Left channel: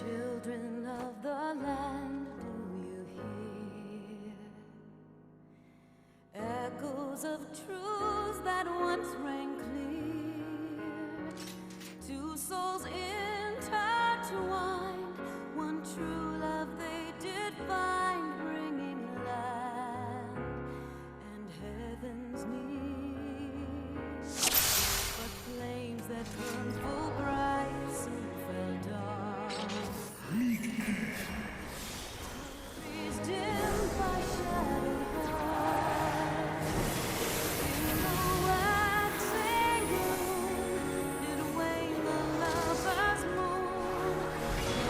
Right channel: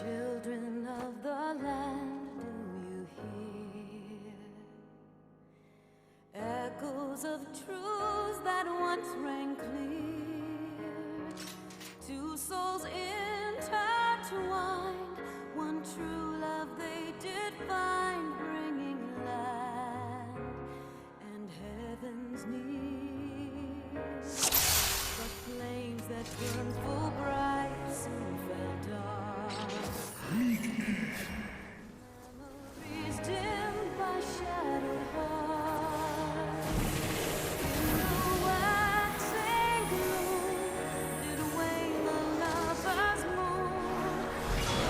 Children of the land, do you hear echoes of truths that once rang clear? Two souls intertwined, one true love they did find, bringing land and heavens near. But flames that burned full bright soon fell dark. Memories dimmed by shadowed hearts. In the waxing gloom did wane the lover's moon,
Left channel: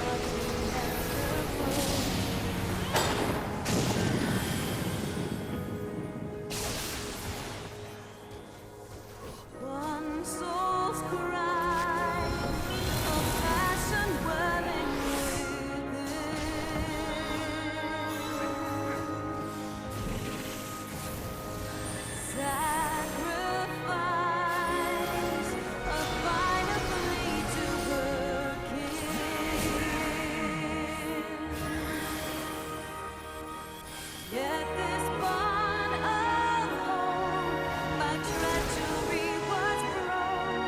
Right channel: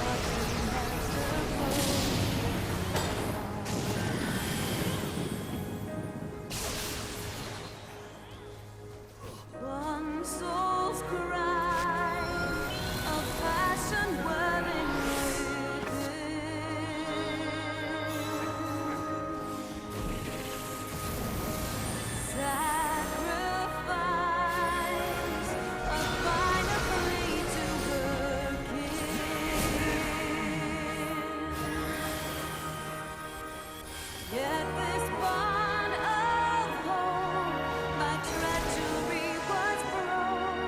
watching as the ghost. One soul's cry of passion welling sacrifice, a final plea to her kin. Yet this bond of hope by treachery was broken.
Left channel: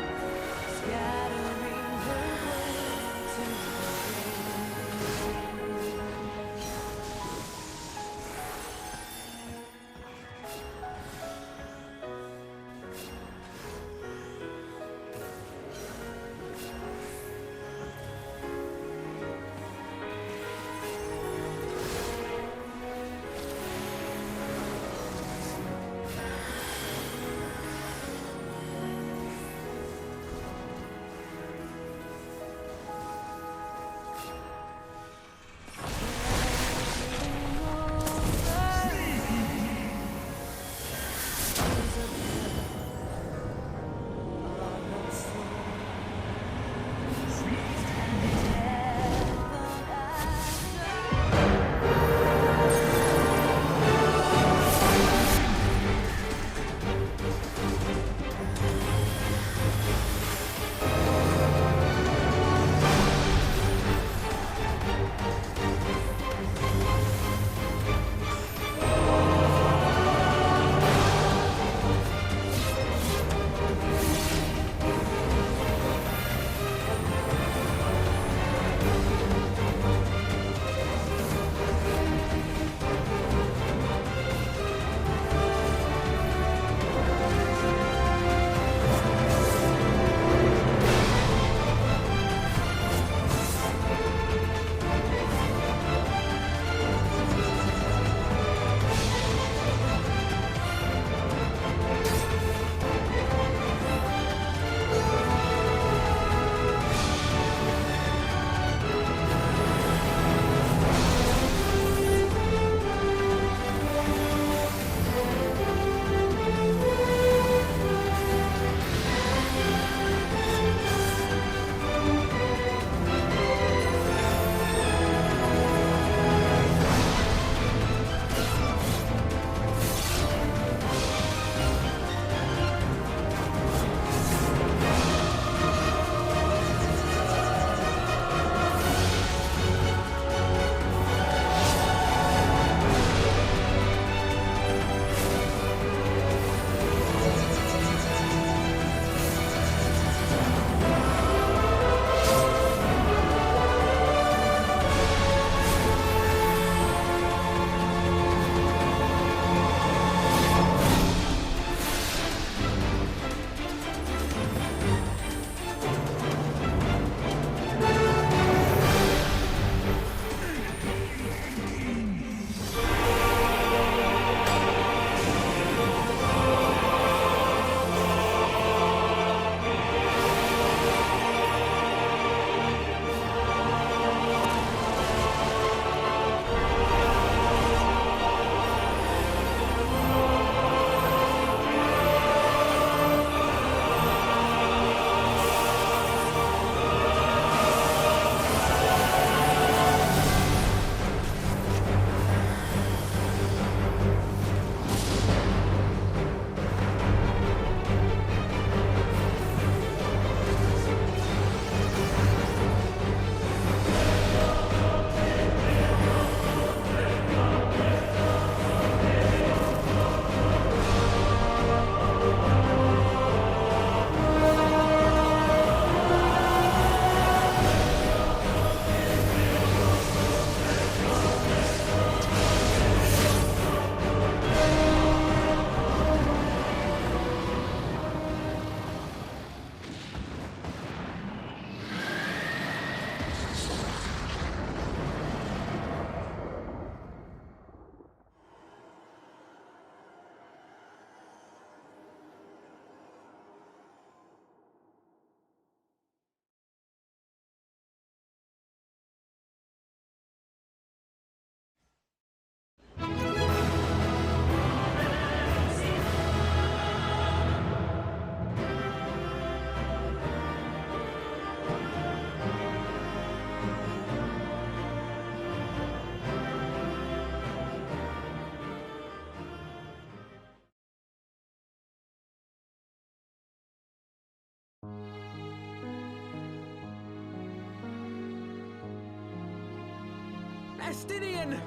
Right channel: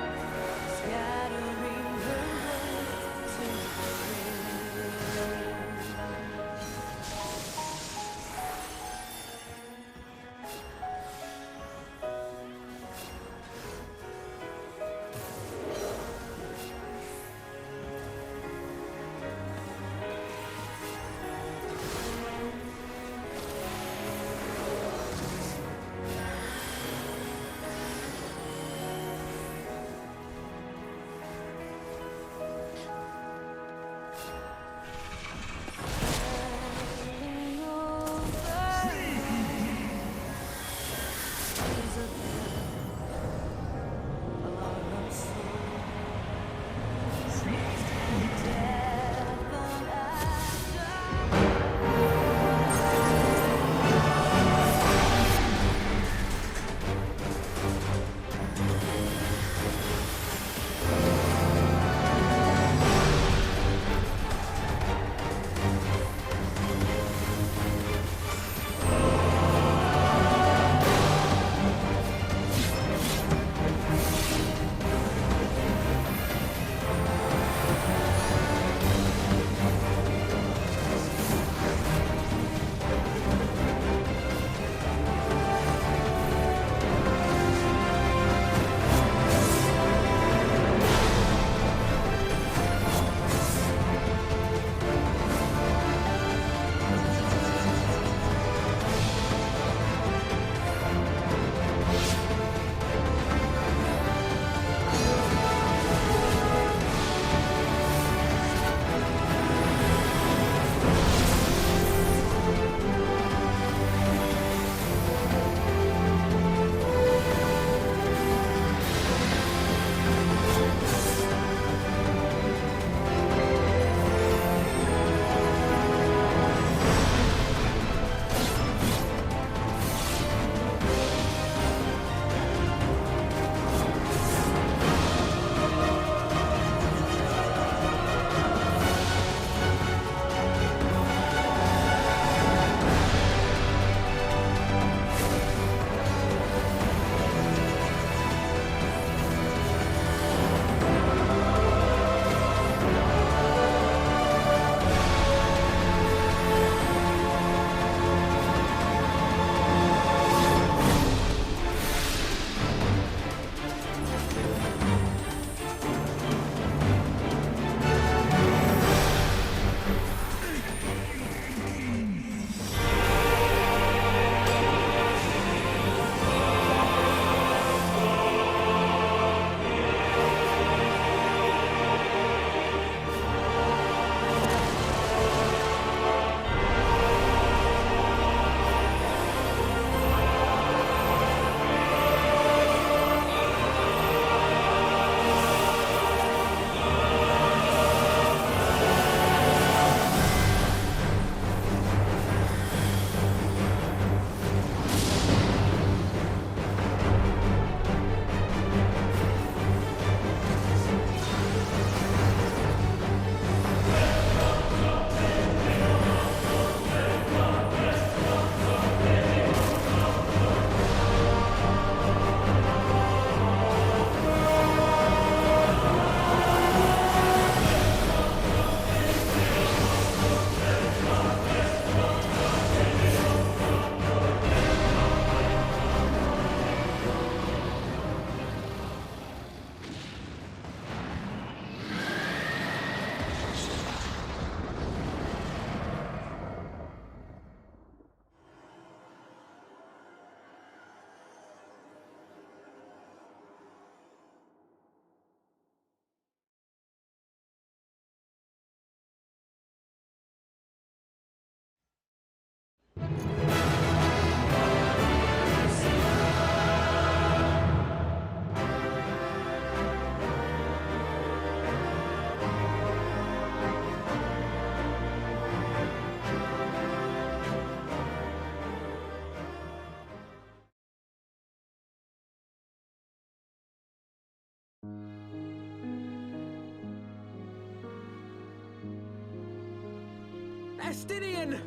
Estinian!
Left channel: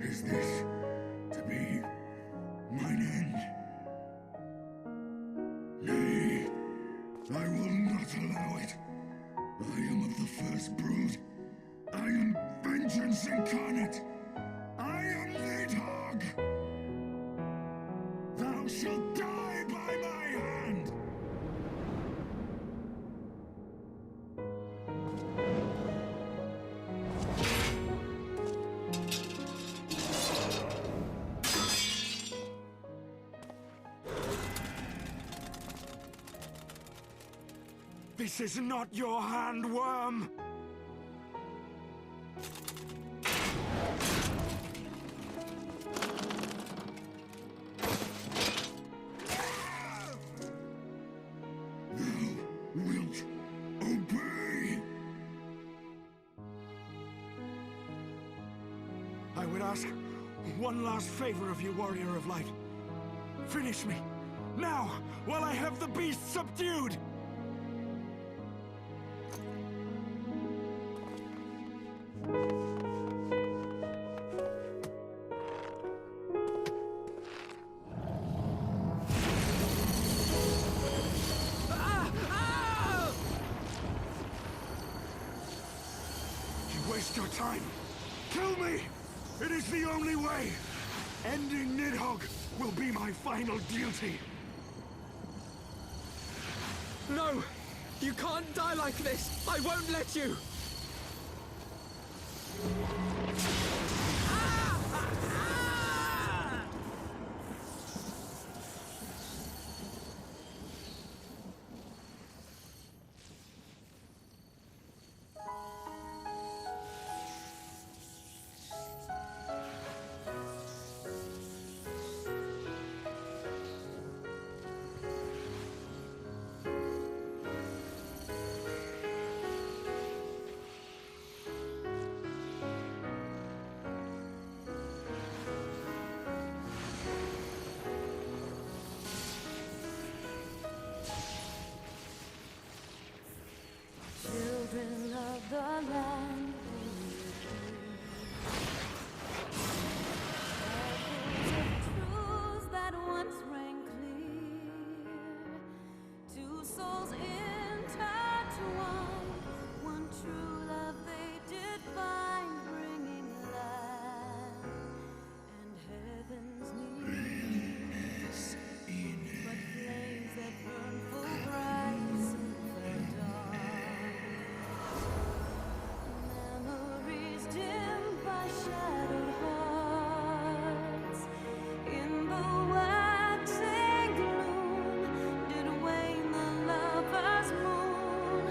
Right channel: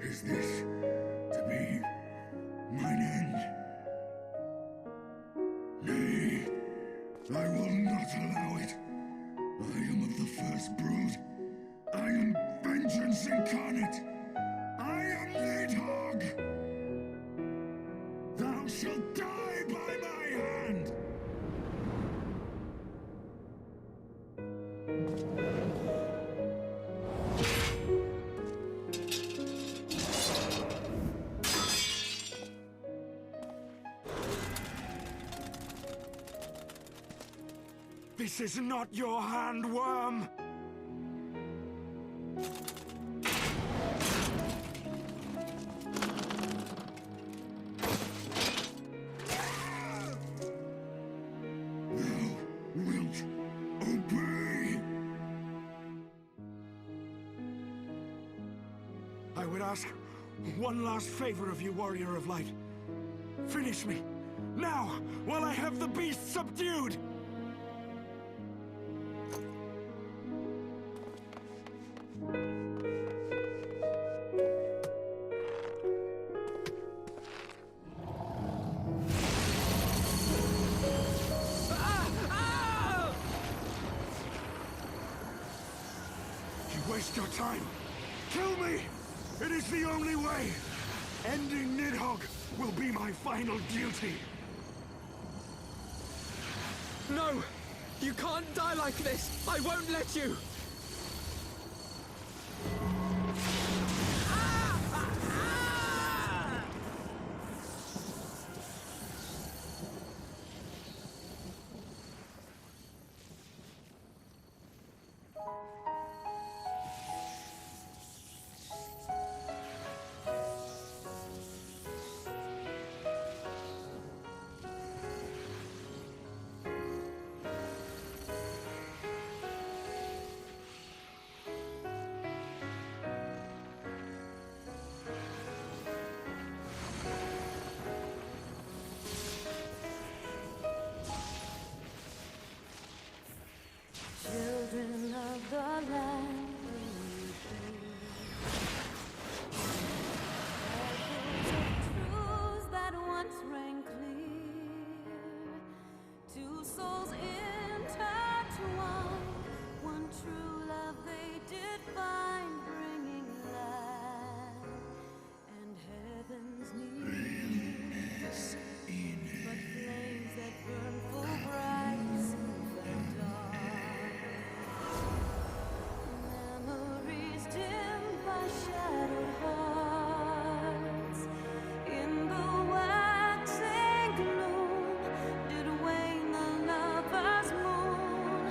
Is this to be mine end? Nay, I will not allow it. I am of the first brood. I am vengeance incarnate. I am Nidhogg. Thou shalt die by my hand. This is not your hand, worm! Thou wilt obey. I would ask one last favor of you, Warrior of Light. Finish me, now, while I have the beast subdued! You waste your time. Kill me! It is the only way! Ending Nidhogg will be my final duty. No! You can't die like this! I won't let you! Children of the land, truths that once rang clear, two souls intertwined, one true love they did find, bringing land and heavens near. But flames that burn full bright soon fell dark. Memories dimmed by shadowed hearts. In the waxing gloom did wane the lover's moon,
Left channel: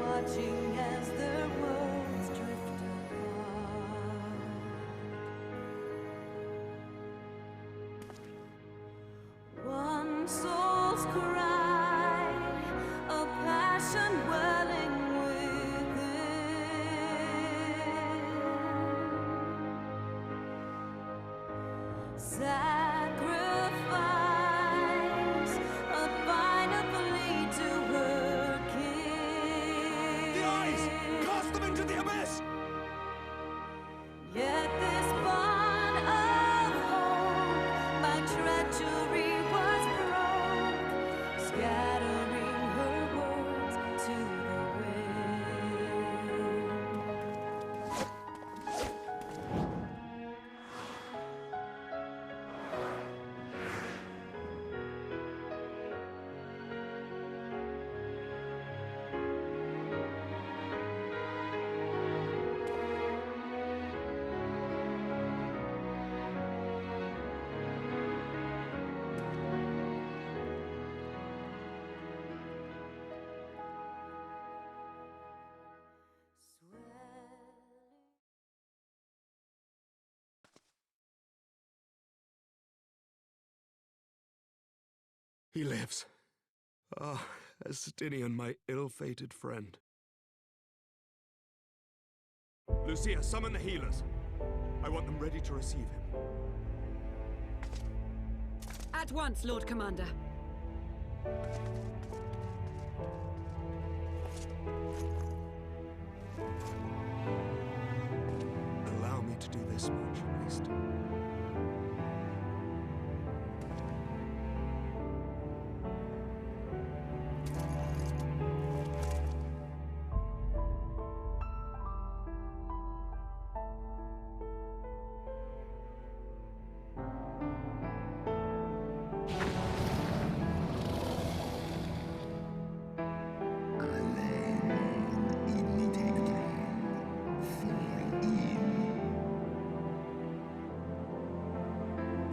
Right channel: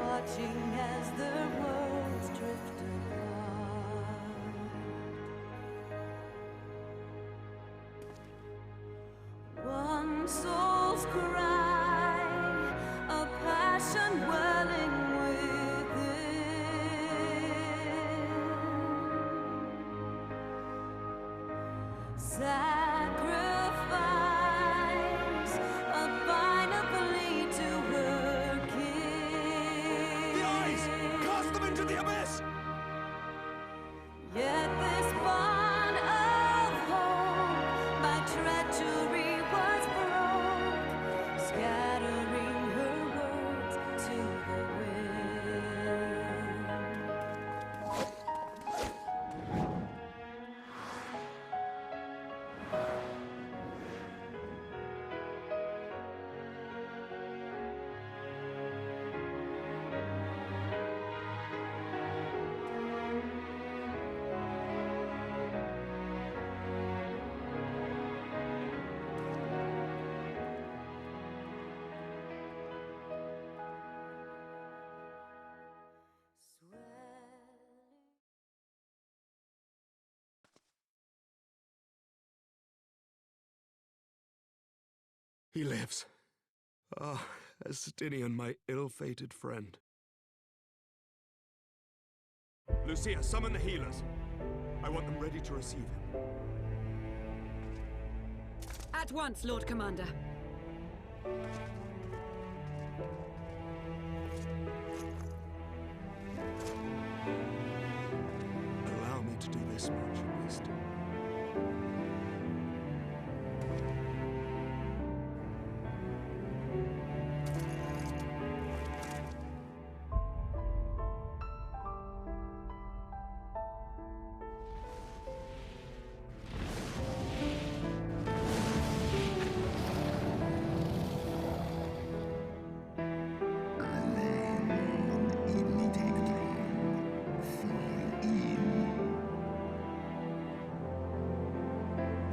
watching as their worlds drift apart. One soul's cry, a passion welling within. Sacrifice, a final plea to her king. The eyes! Cast them into the abyss! Yet this bond of hope by treachery was broke, scattering her words to the wind. He lives. Ah, Estinian, my ill-fated friend. Lucia, summon the healers. I want them ready to receive him. At once, Lord Commander. Allow me to do this much, at least.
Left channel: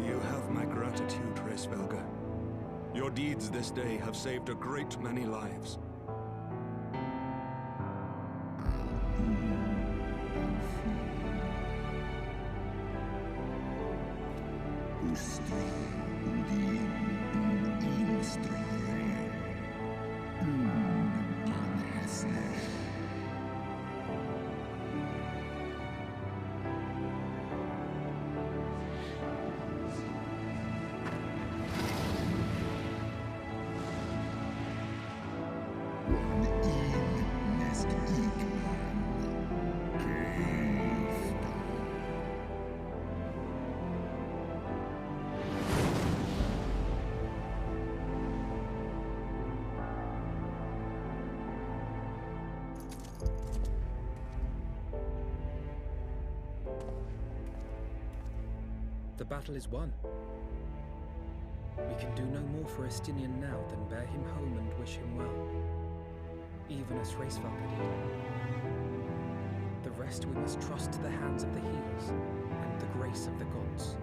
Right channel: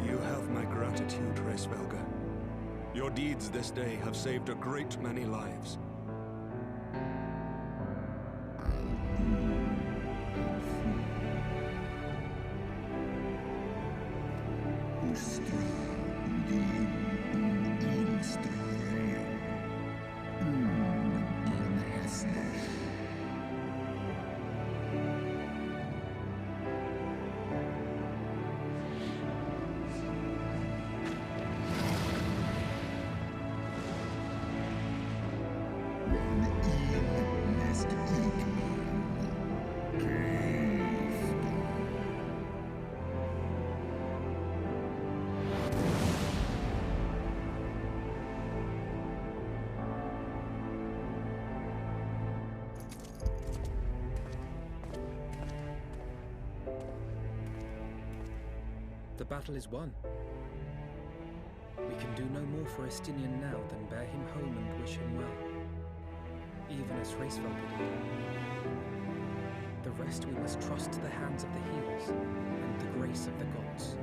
You have my gratitude, Reisvelga. Your deeds this day have saved a great many lives. The battle is won. We can do no more for Estinian now than bear him home and wish him well, even as Reisvelga did. The rest we must trust to the hands of the healers and the grace of the gods.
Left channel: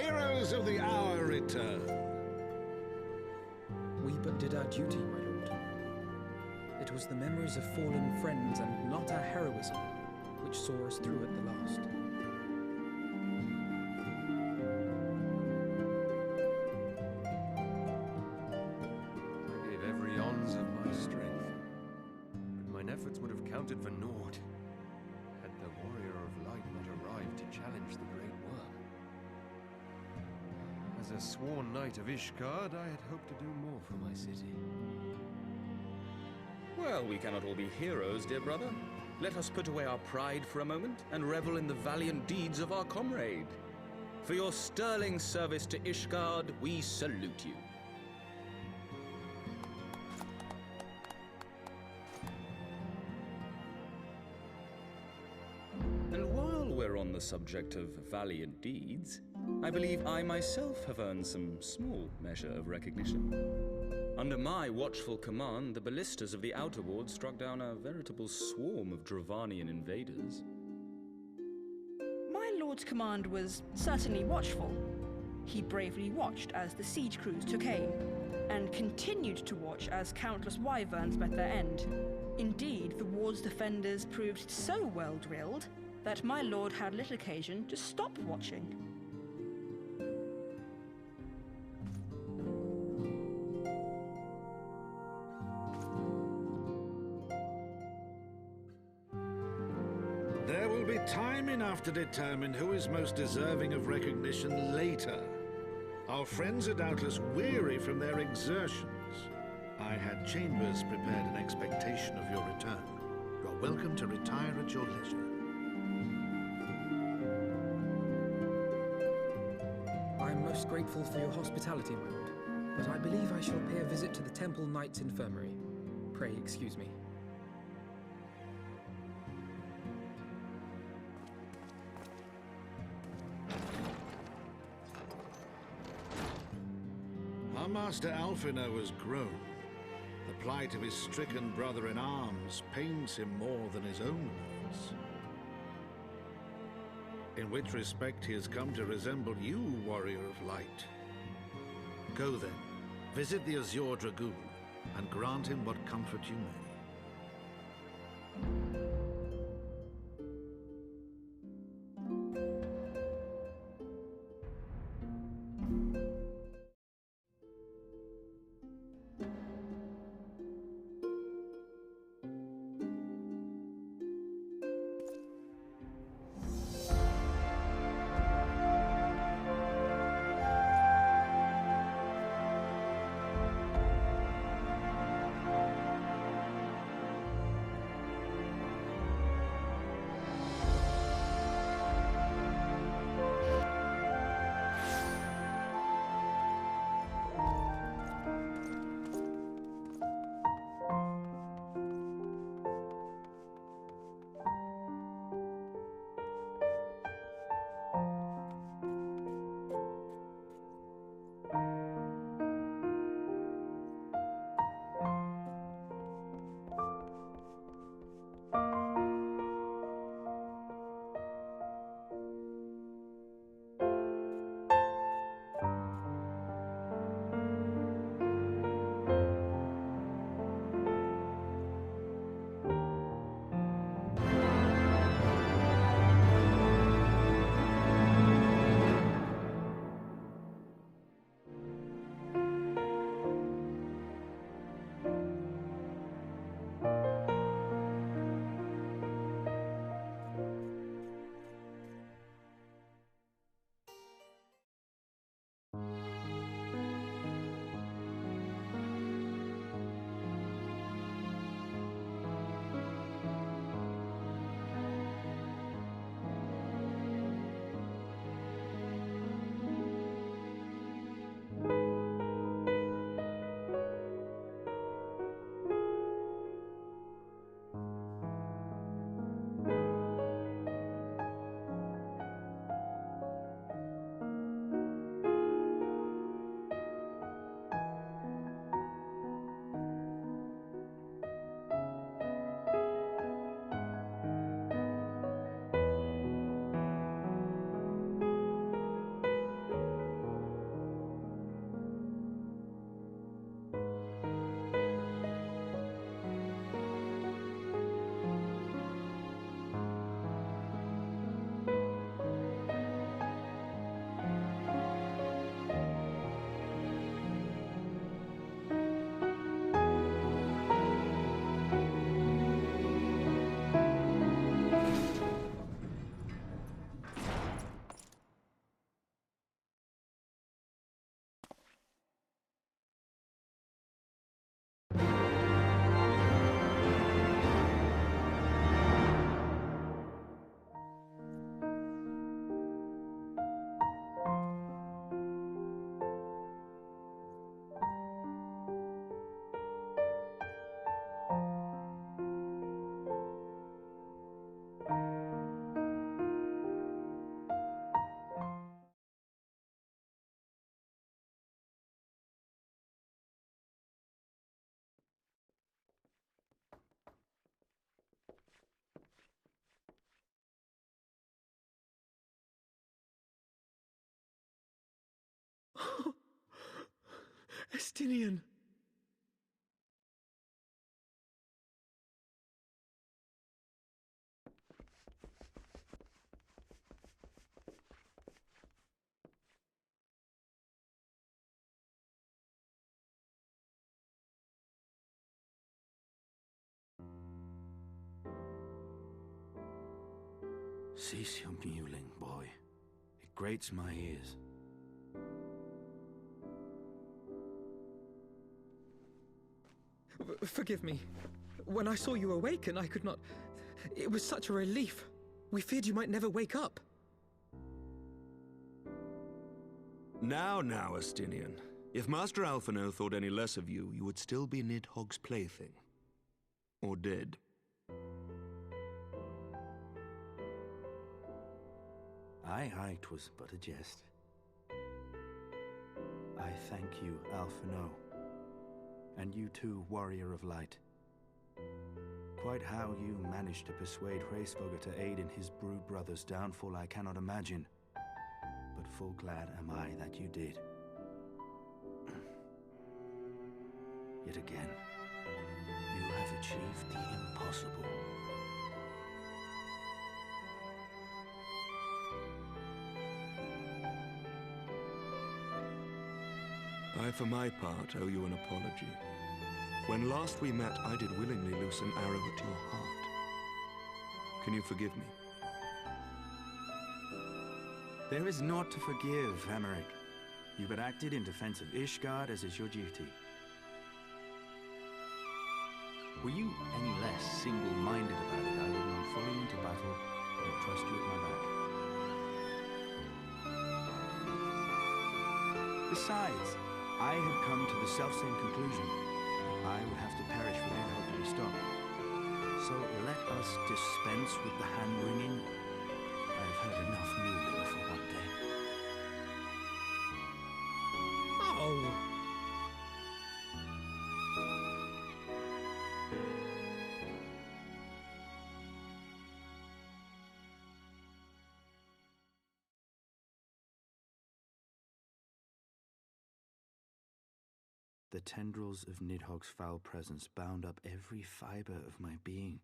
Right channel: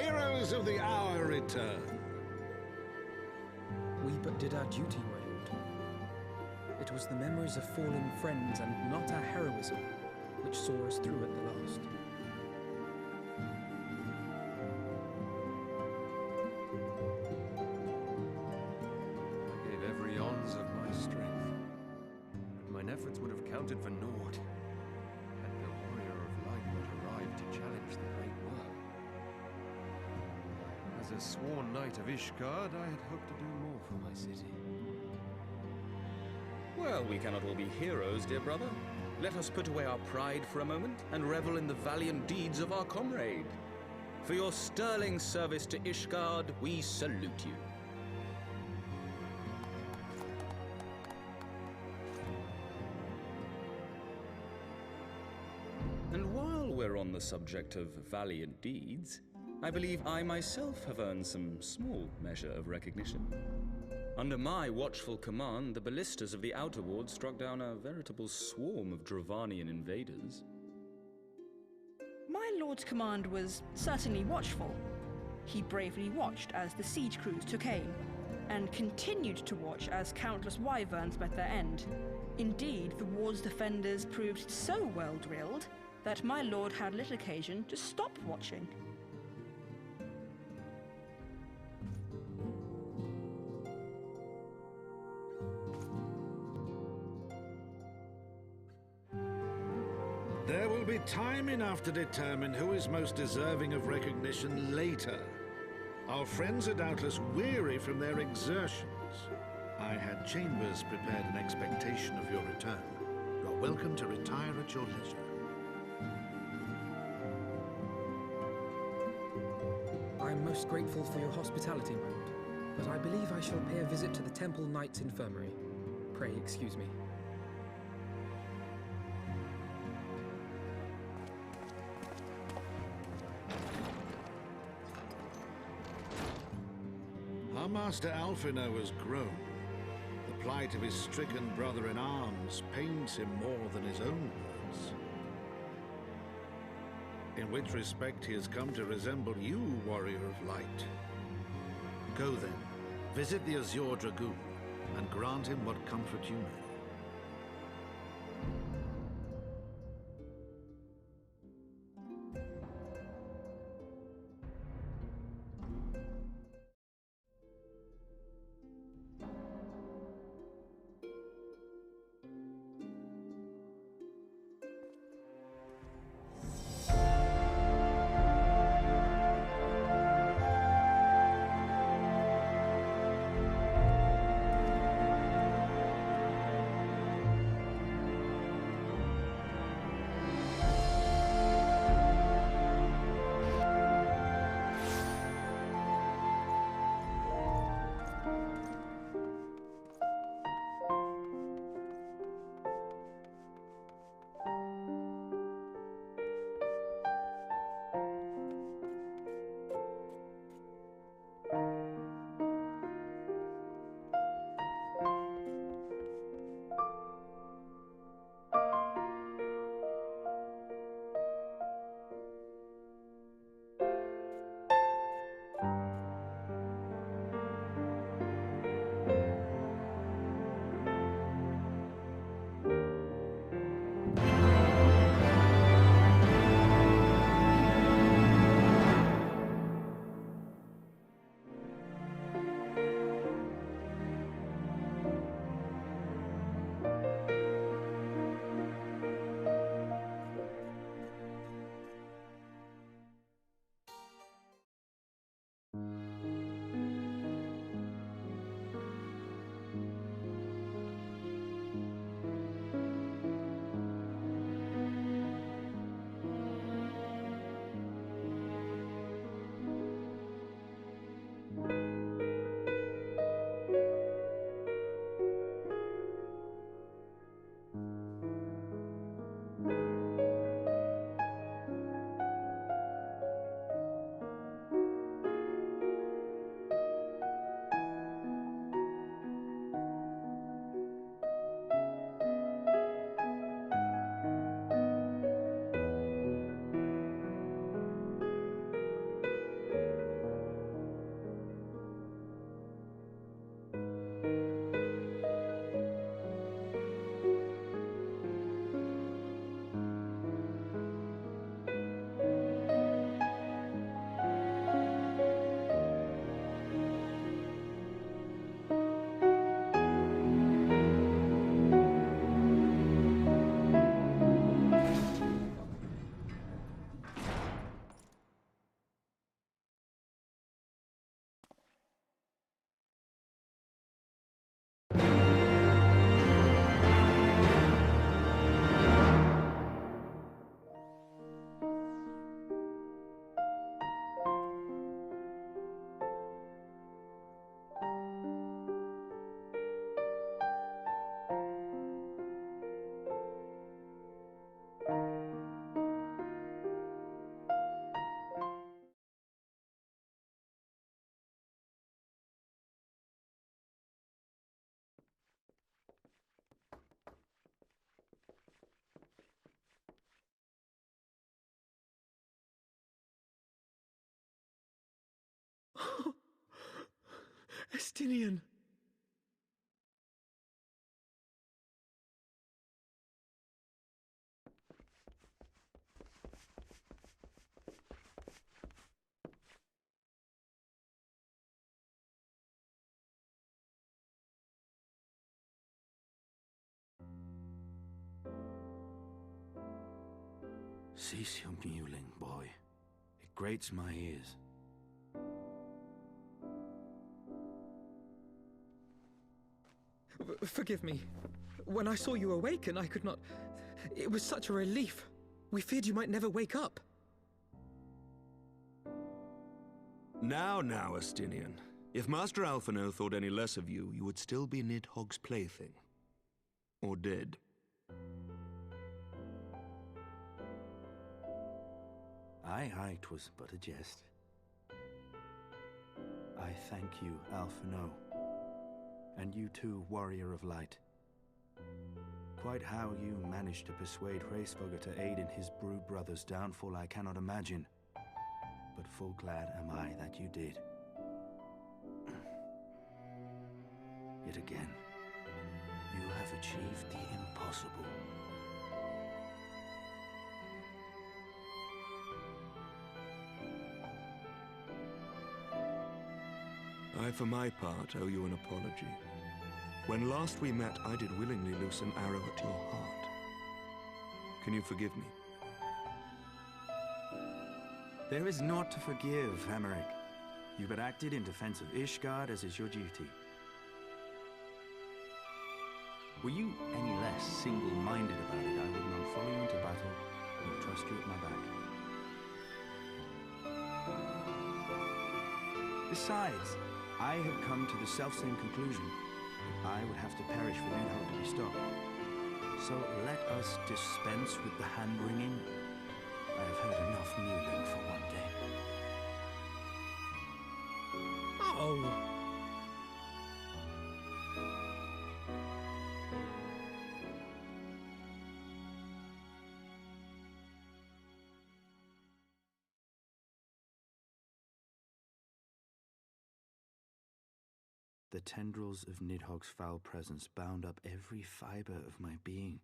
heroes of the hour return. We but did our duty, my lord. It was the memories of fallen friends and not our heroism which saw us through at the last. I gave every ounce of my strength, but mine efforts would have counted for naught had the Warrior of Light not arrived to challenge the Great Worm. As a sworn knight of Ishgard, I had hoped to do more for my city. Well, we cannot all be heroes, dear brother. Let us put away our pride for a moment and revel in the valiant deeds of our comrade. For your sterling service to Ishgard, we salute you. And while we're on the subject of valiant deeds, I believe I myself have earned some small measure of recognition. Under my watchful command, the ballistas of the Outer Ward struck down a veritable swarm of Dravanian invaders. My lord's command was certainly watchful. He bravely watched as the siege crews took aim, and continued to watch as countless wyverns met their end. Indeed, the ward's defenders proved so well drilled that my lord had little occasion to stop watching. There will be time enough to determine who is most deserving of recognition later. Our friends are doubtless weary from their exertions. I had chambers prepared in expectation of your return. You're welcome to retire at your leisure. I am most grateful for your hospitality, my lord, but I believe I shall pay a visit to the Temple Knight's Infirmary. Pray excuse me. Our Master Alphinaud has grown. The plight of his stricken brother-in-arms pains him more than his own words. In which respect he has come to resemble you, Warrior of Light. Go then, visit the Azure Dragoon, and grant him what comfort you may. Estinian! Cease your mewling, boy. It grates my ears. Forgive me. When I saw you awaken, I could not... It was such a relief. We feared you might never wake up. Now, Estinian. If Master Alphino thought any less of you, you would still be Nidhogg's plaything. Or dead. Aye, 'twas but a jest. I thank you, Alphino. And you too, Warrior of Light. Quite how you managed to persuade Hraesvelgr to aid in his brood brother's downfall I cannot imagine. But full glad am I that you did. Yet again, you have achieved the impossible. I, for my part, owe you an apology. When last we met, I did willingly loose an arrow at your heart. Can you forgive me? There is naught to forgive, Hameric. You but acted in defense of Ishgard as is your duty. Were you any less single-minded about it, I would not follow you into battle, nor trust you at my back. Besides, I have come to the selfsame conclusion that I would have to perish for Nidhogg to be stopped. So let us dispense with the hand-wringing. I have heard enough mewling for one day. Oh! The tendrils of Nidhogg's foul presence bound up every fiber of my being,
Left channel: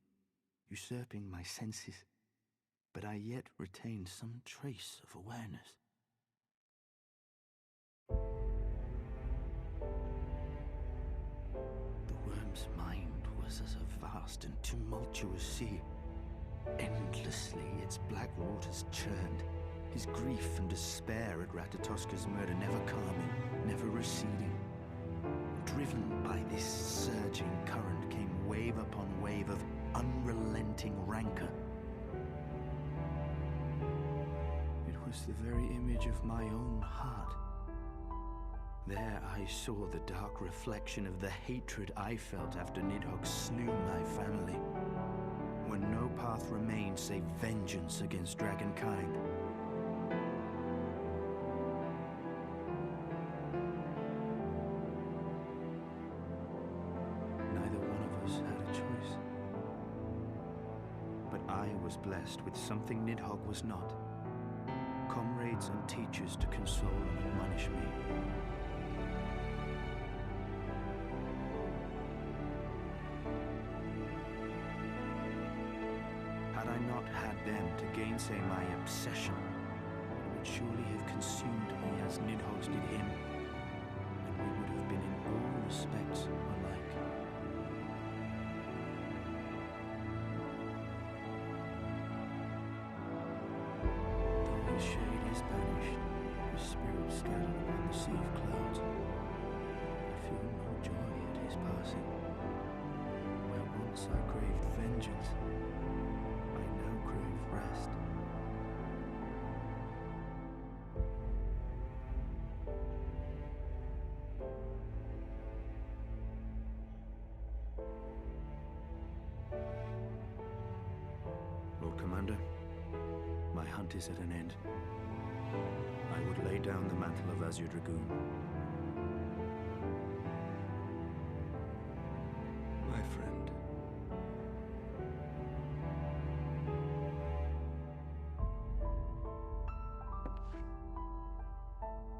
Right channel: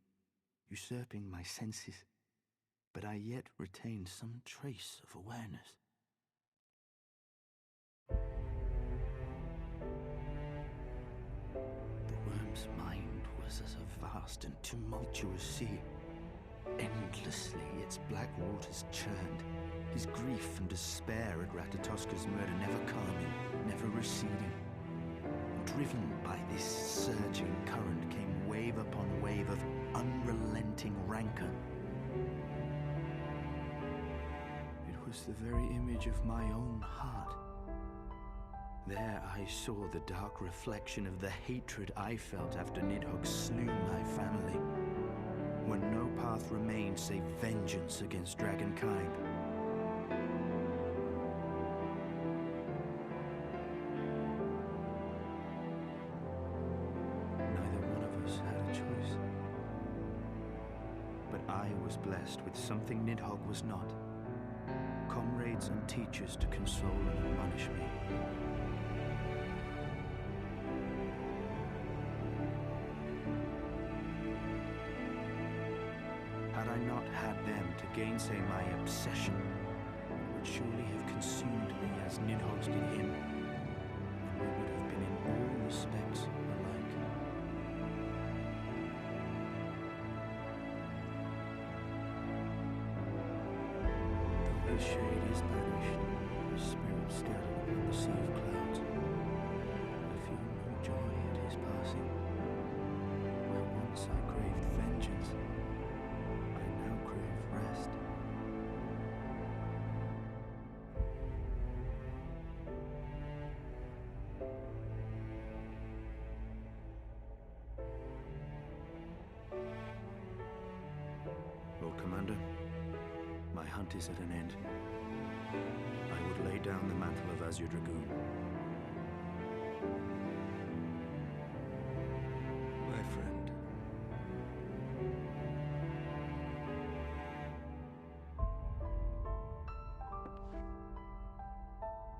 usurping my senses, but I yet retained some trace of awareness. The worm's mind was as a vast and tumultuous sea. Endlessly its black waters churned, his grief and despair at Ratatoska's murder never calming, never receding. Driven by this surging current came wave upon wave of unrelenting rancor. It was the very image of my own heart. There I saw the dark reflection of the hatred I felt after Nidhogg slew my family, when no path remained save vengeance against dragonkind. I was blessed with something Nidhogg was not. Comrades and teachers to console and admonish me. Had I not had them to gainsay my obsession, it would surely have consumed me as Nidhogg's did him, and we would have been in all respects alike. His shade is banished, his spirit scattered upon the sea of clouds. I feel no joy at his passing. Where once I craved vengeance, I now crave rest. Lord Commander, my hunt is at an end. I would lay down the mantle of Azure Dragoon. My friend.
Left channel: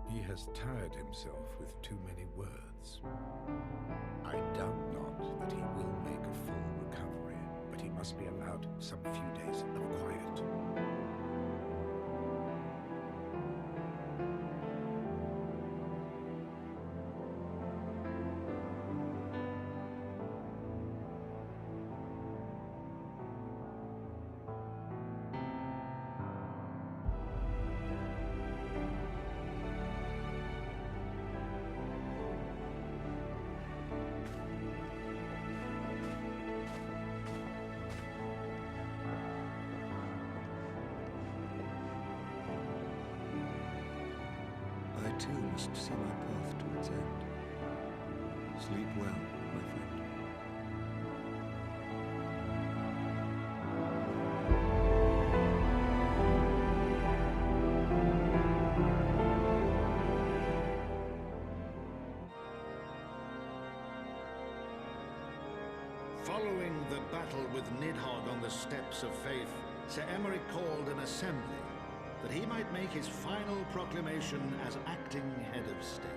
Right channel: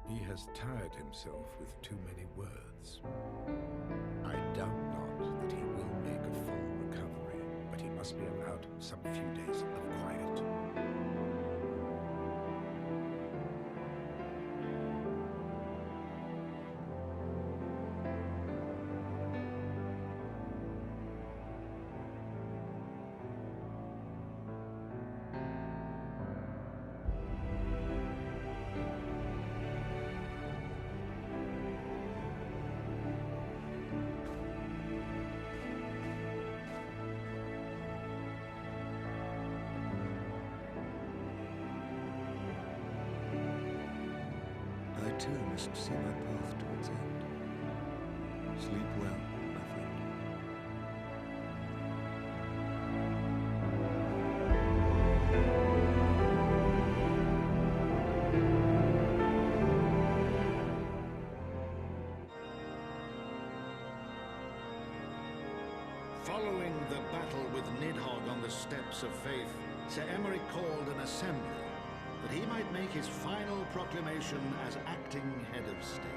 He has has tired himself with too many words. I doubt not that he will make a full recovery, but he must be allowed some few days of quiet. I too must see my path to its end. Sleep well, my friend. Following the battle with Nidhogg on the Steps of Faith, Sir Emeric called an assembly that he might make his final proclamation as acting head of state.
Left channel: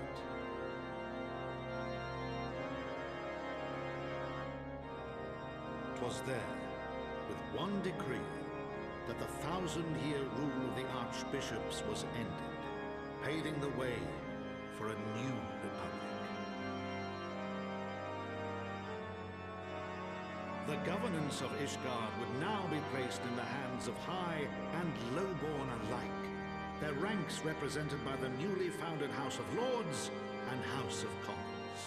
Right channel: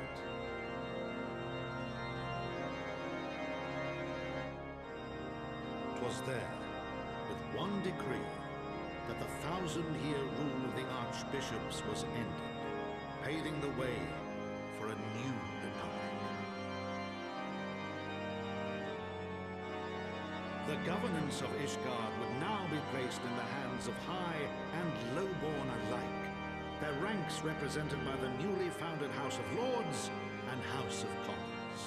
"'Twas there, with one decree, that the 1,000-year rule of the archbishops was ended, paving the way for a new republic. The governance of Ishgard would now be placed in the hands of high and lowborn alike, their ranks represented by the newly founded House of Lords and House of Commons.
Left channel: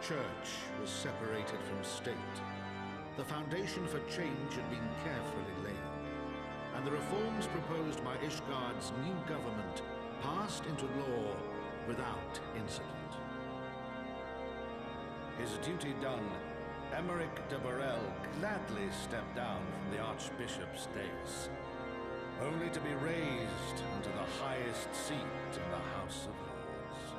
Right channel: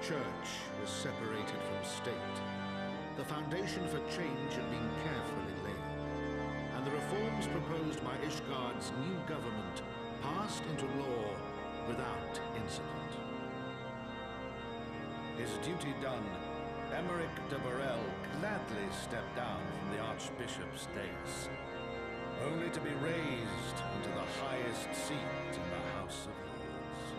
Church was separated from state. The foundation for change had been carefully laid, and the reforms proposed by Ishgard's new government passed into law without incident. His duty done, Emeric de Burrell gladly stepped down from the Archbishop's dais, only to be raised unto the highest seat in the House of Lords.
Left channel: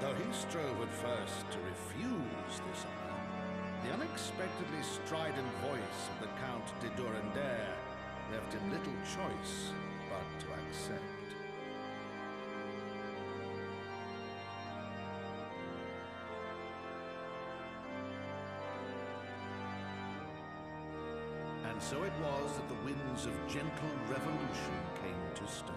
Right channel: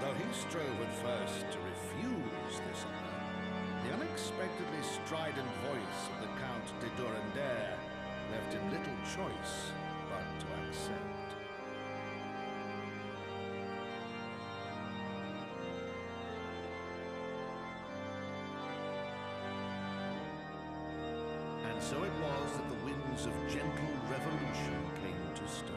Though he strove at first to refuse this honor, the unexpectedly strident voice of the Count de Durandare left him little choice but to accept. And so it was that the winds of gentle revolution came to stir.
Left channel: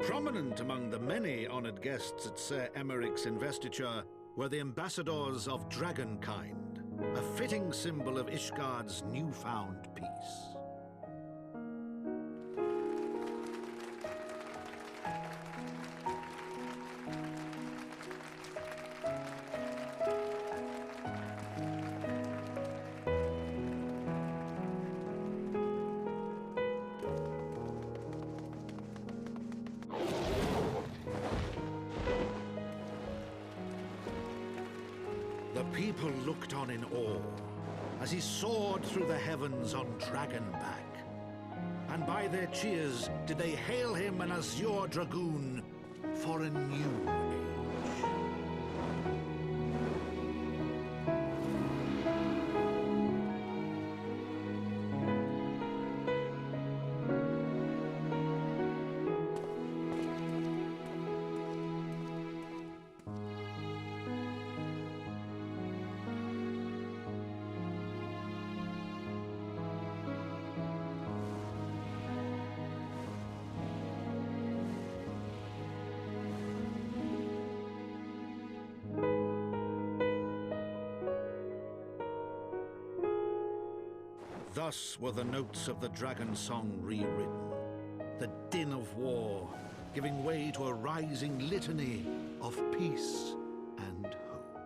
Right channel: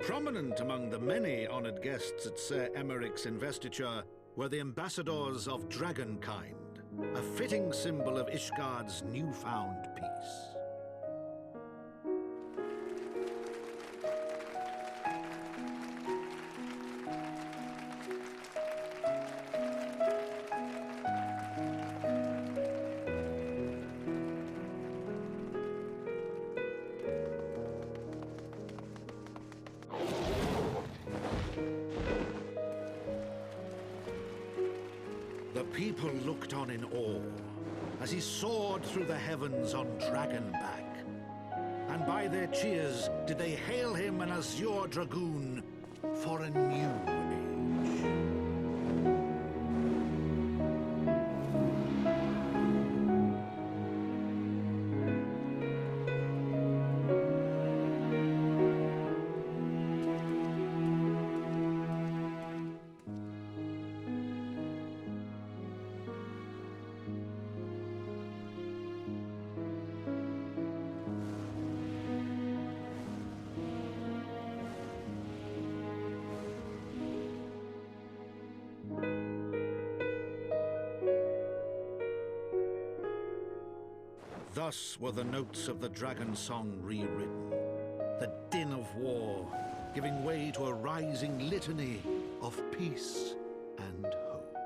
Prominent among the many honored guests at Sir Emeric's investiture were the ambassadors of Dragonkind, a fitting symbol of Ishgard's newfound peace. The people looked on in awe as he soared through the heavens on Dragonback. And by their cheers did they hail him an azure dragoon for a new age. Thus were the notes of the dragon song rewritten, the din of war giving way to a rising litany of peace and hope.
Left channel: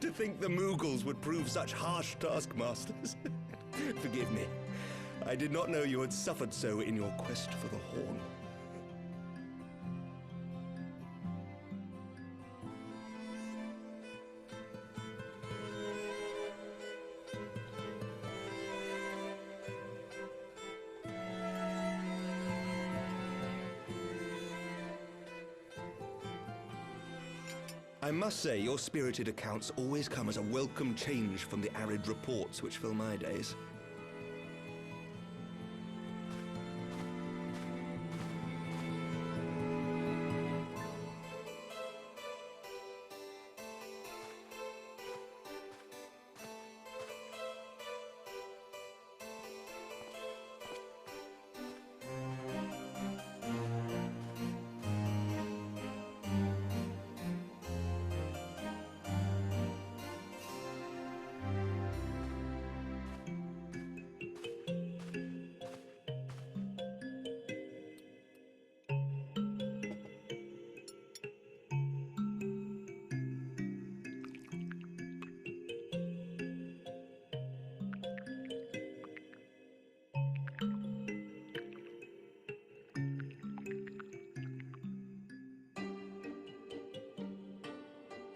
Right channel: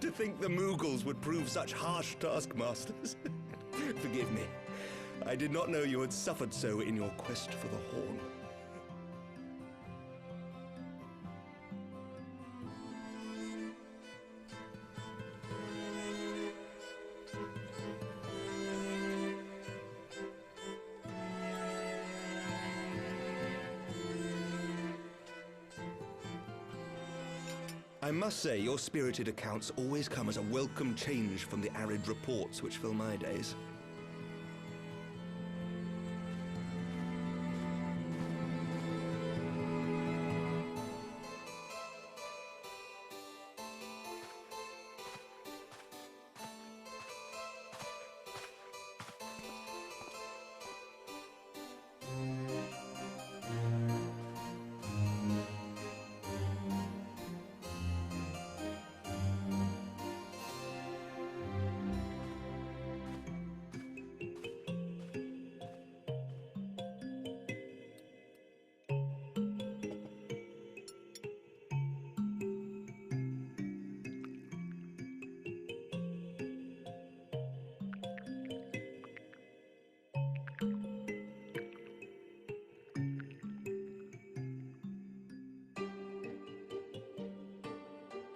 To think the Mughals would prove such harsh taskmasters. Forgive me. I did not know you had suffered so in your quest for the Horn. I must say, your spirited accounts always come as a welcome change from the arid reports which fill my days.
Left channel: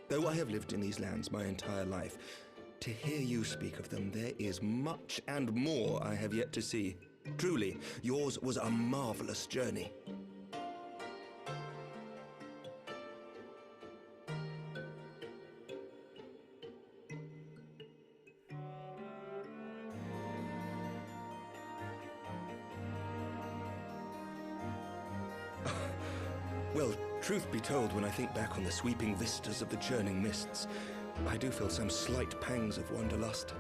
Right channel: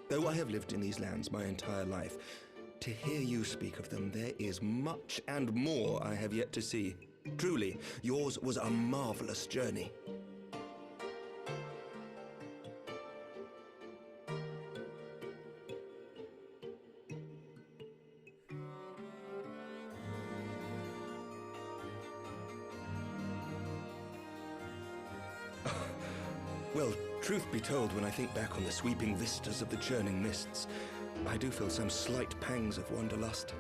Though I have lived in these lands my entire life, to hear you speak of them, there is much and more I have yet to see. Truly, yours was a marvelous journey. Well, truth be told, when I think back on the sweeping vistas of the churning mists, I do feel some slight pangs of wanderlust.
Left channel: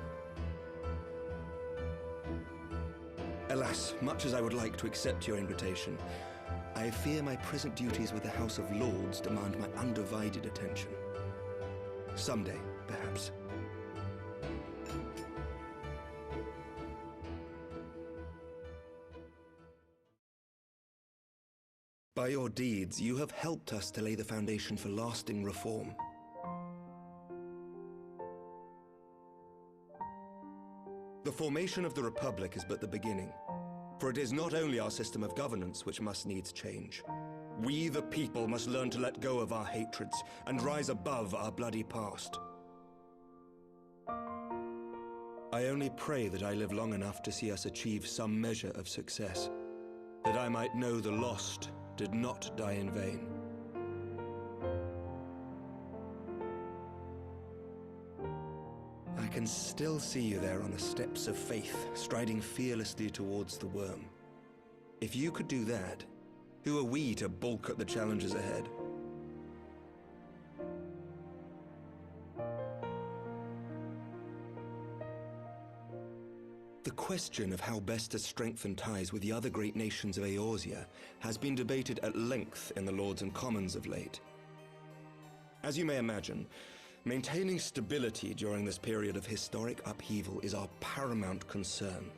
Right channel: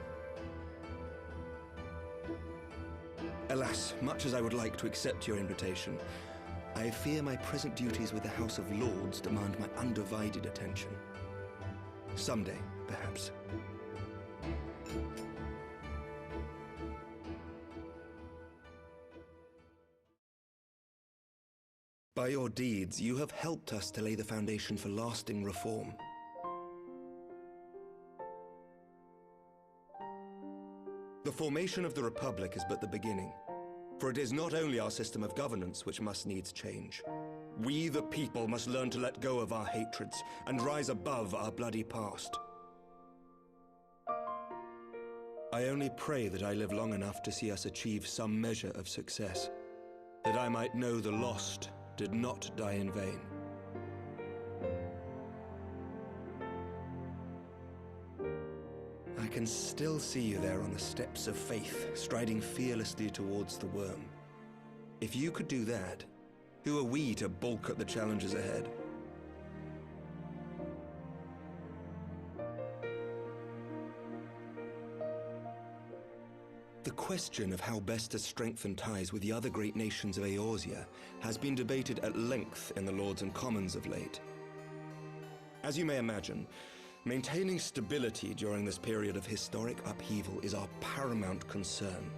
Alas, much as I would like to accept your invitation, I fear my present duties with the House of Lords demand my undivided attention. Someday, perhaps. By your deeds, you have helped us to lay the foundation for lasting reform. The formation of the Republic is but the beginning, for it is not only our system of governance which must needs change. We, the people, must learn to let go of our hatreds and rise above our bloody past. I only pray that I live long enough to see us achieve some measure of success, that I might know the lost did not die in vain. I can still see you there on the steps of faith, striding fearlessly towards the worm. If you could do that, who are we to balk at the challenges ahead? The question of how best to strengthen ties with the other great nations of Eorzea has been debated at length in the Lords and Commons of late. As you may imagine, maintaining stability during this period of historic upheaval is our paramount concern.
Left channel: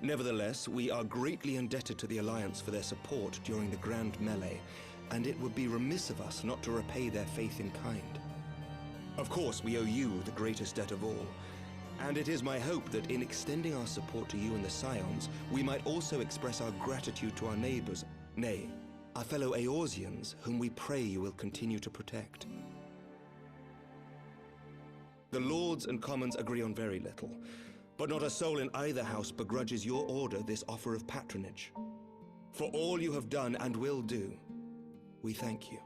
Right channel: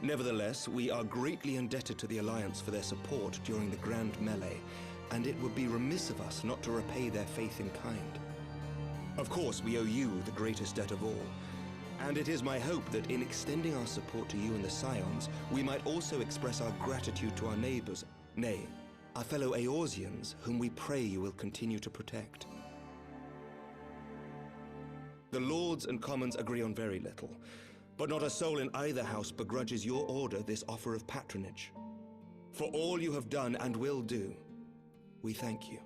Nevertheless, we are greatly indebted to the Alliance for their support during the Grand Melee, and it would be remiss of us not to repay their faith in kind. Of course, we owe you the greatest debt of all, and it is my hope that in extending our support to you and the Scions, we might also express our gratitude to our neighbors, nay, our fellow Eorzeans, whom we pray you will continue to protect. The Lords and Commons agree on very little, but not a soul in either house begrudges your order this offer of patronage. For all you have done and will do, we thank you.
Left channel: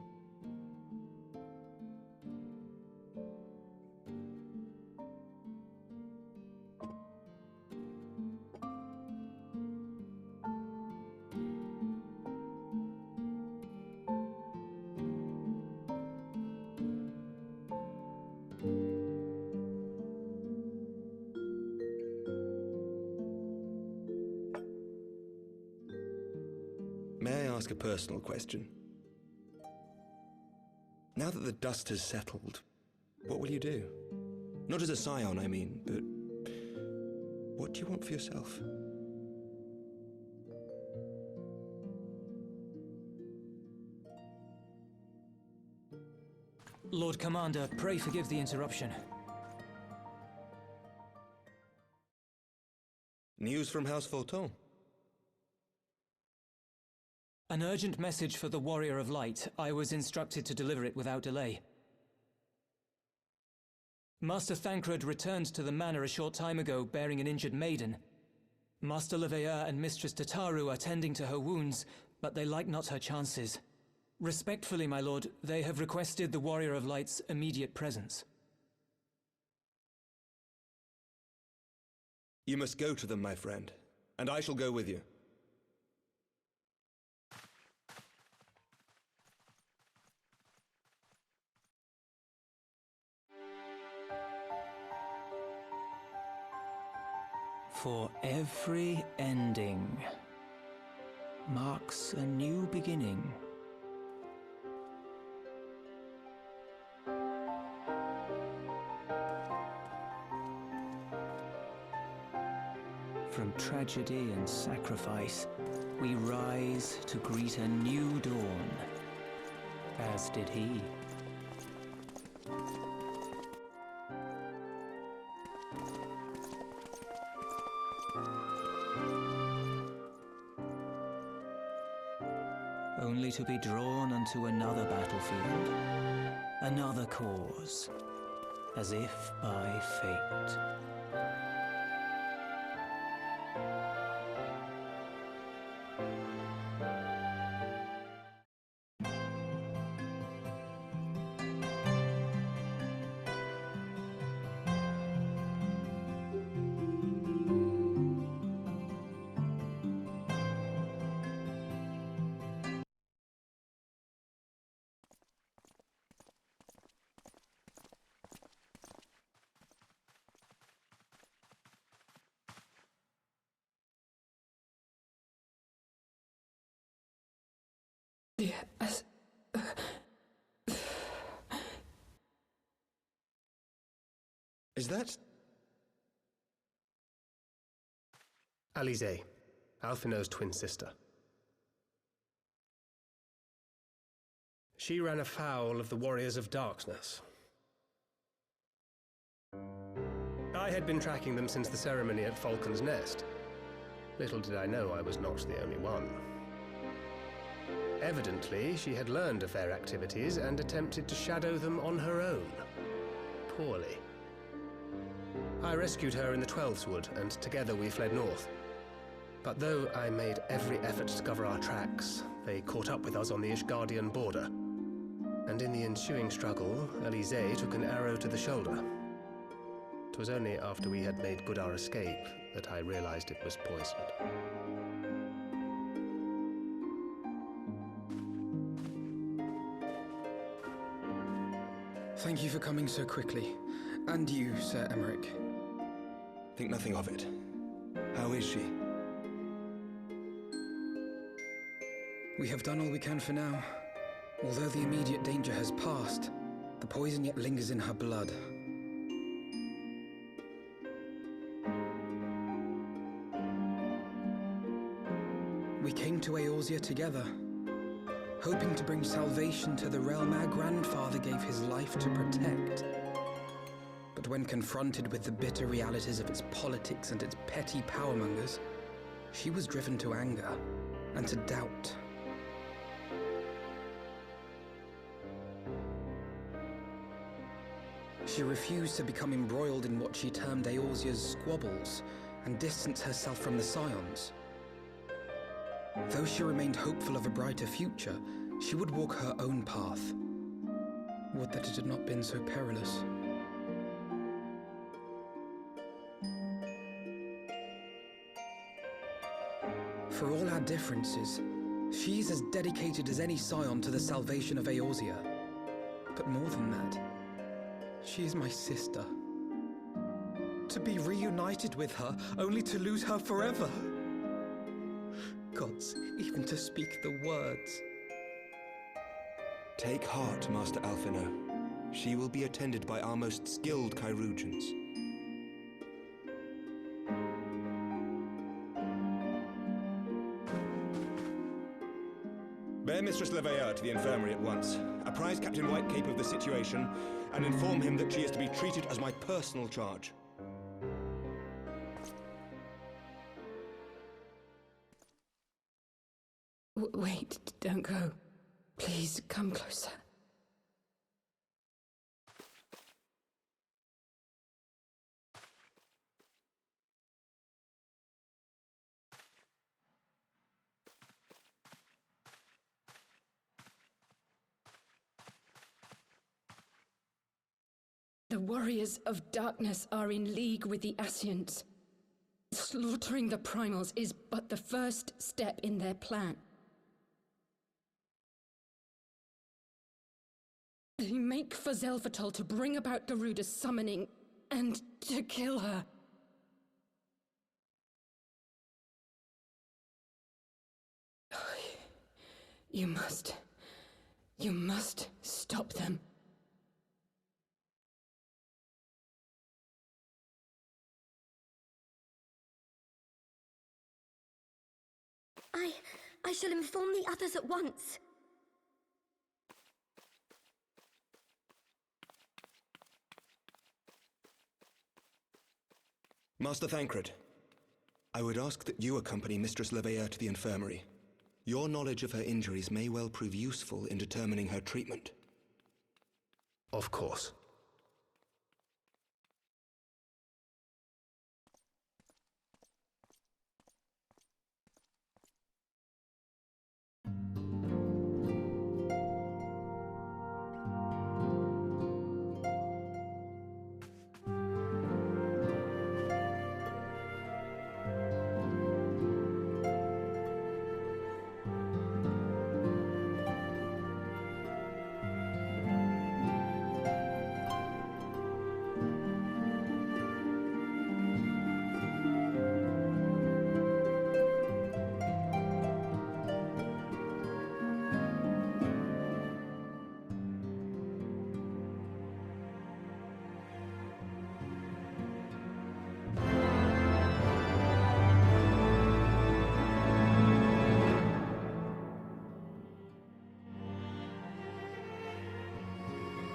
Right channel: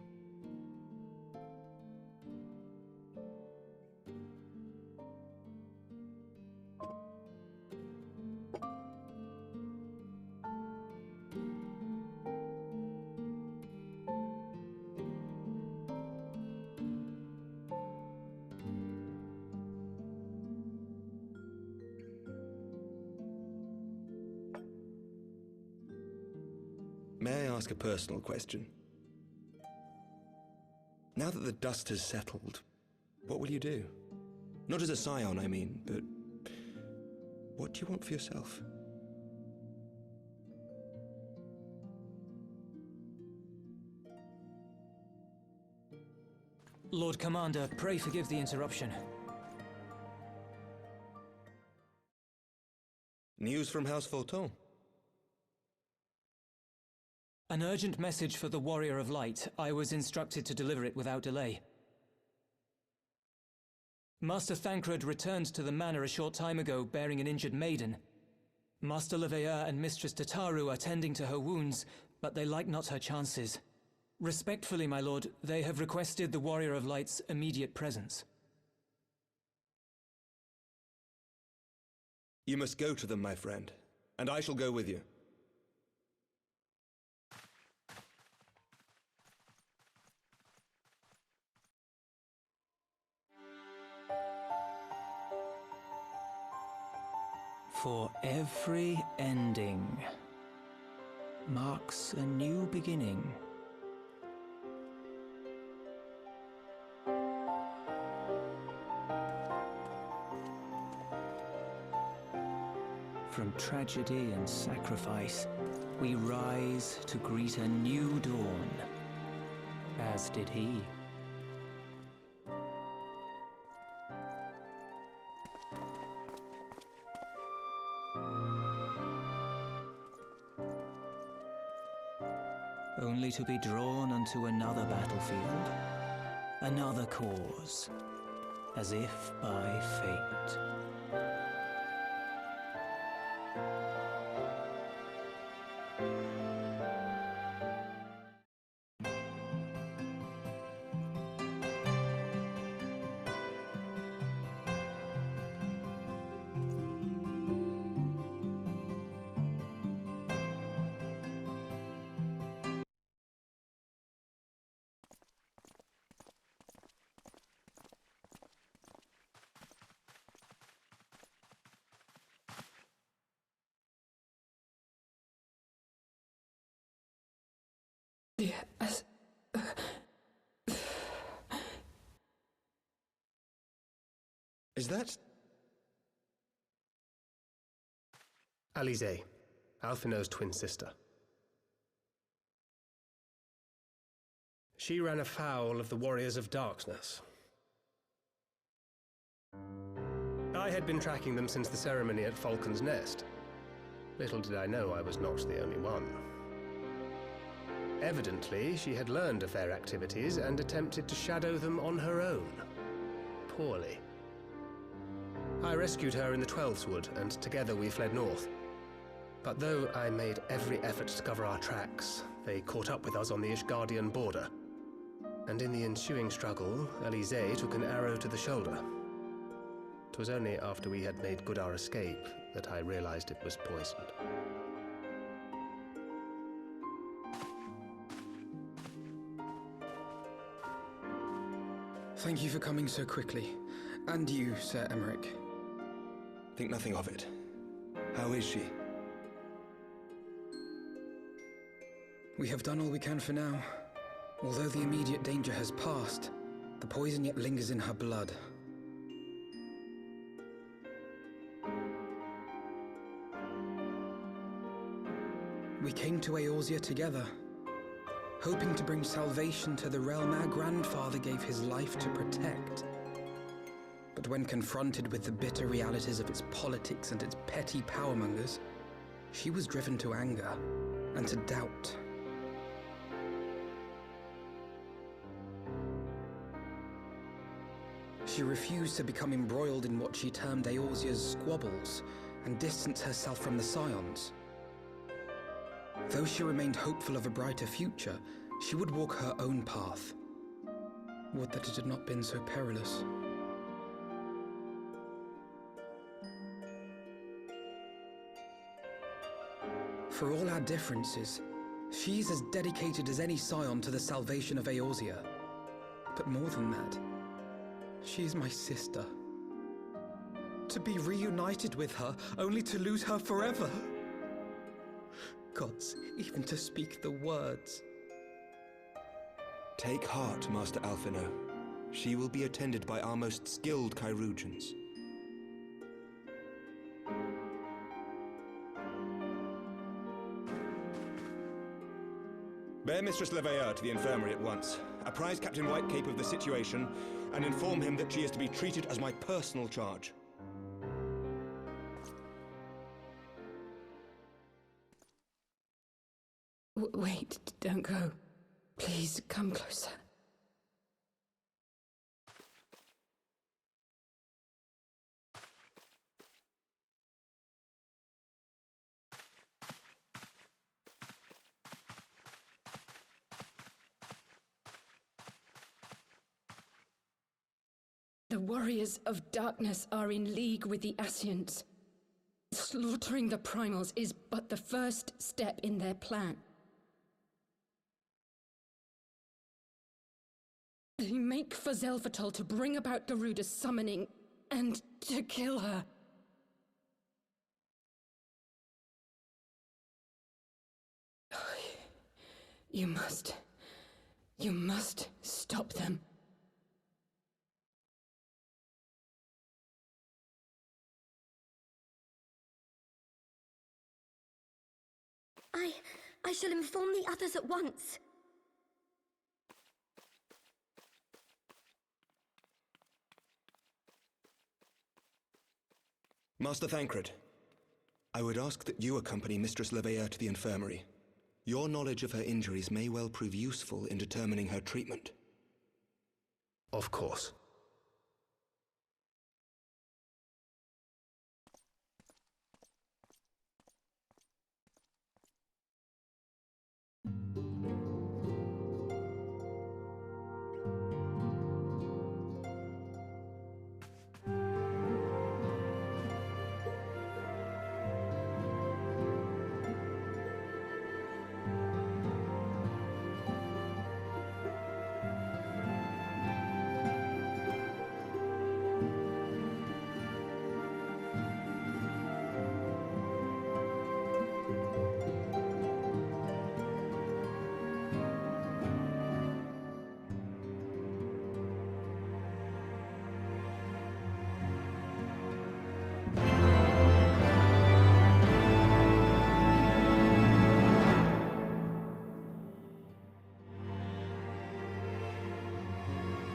May I ask a personal question? Now that the dust has settled, what will you do? Not as a scion, I mean, but what do you want for yourself? Lord Commander, pray forgive the interruption. News from House Fulton? An urgent message for the Warrior of Light. I was instructed to deliver it without delay. Master Thancred returned to the manor a short time ago, bearing an injured maiden. Master Leveilleur and Mistress Tataru are tending to her wounds, but they like not her chances. Respectfully, my lord, they have requested the Warrior of Light's immediate presence. You must go to them, my friend, and I shall go with you. For every ending marks a new beginning. From tragedy and sacrifice, we rise to greet a new dawn, as did he. Only to be drawn onto another battlefield, another cause, as if by fate. Yes. Is that... Alize, Alphinaud's twin sister. She ran afoul of the Warriors of Darkness. I had been tracking them since the ceremony at Falcon's Nest. Little did I know I was not the only one. Evidently, she had learned of their activities and attempted to shadow them on her own. Poorly. I rescued her in the Twelfth Wood, and together we fled north. But though I made every effort to cover our tracks, they caught up with us on the Ishgardian border. And in the ensuing struggle, Alize took an arrow to the shoulder. 'Twas only after we had made good our escape that I realized it was poisoned. Thank you for coming so quickly. And you, Sir Emmerich. Think nothing of it. How is she? We have done all we can for now. Although the immediate danger has passed, the poison yet lingers in her blood. We came to Eorzea together, hoping to bring salvation to the realm our grandfather gave his life to protect. But when confronted with the bitter realities of its politics and its petty powermongers, she was driven to anger and to doubt. She refused to become embroiled in what she termed Eorzea's squabbles and distance herself from the Scions. Though she remained hopeful of a brighter future, she would walk her own path. Would that it had not been so perilous. For all our differences, she's as dedicated as any Scion to the salvation of Eorzea. But more than that, she is my sister. To be reunited with her, only to lose her forever. Gods, even to speak the words. Take heart, Master Alphinaud. She will be attended by our most skilled chirurgeons. Bear Mistress Leveilleur to the infirmary at once. Apprise Captain Whitecape of the situation, and inform him that she is to be treated as my personal charge. Wait, don't go. Please, come closer. The warriors of darkness are in league with the Ascians. Slaughtering the primals is but the first step in their plan. They make for Zelvatol to bring about Garuda's summoning and to kill her. You must stop them. I shall inform the others at once. Master Thancred, I would ask that you accompany Mistress Leveilleur to the infirmary. Your knowledge of her injuries may well prove useful in determining her treatment. Of course.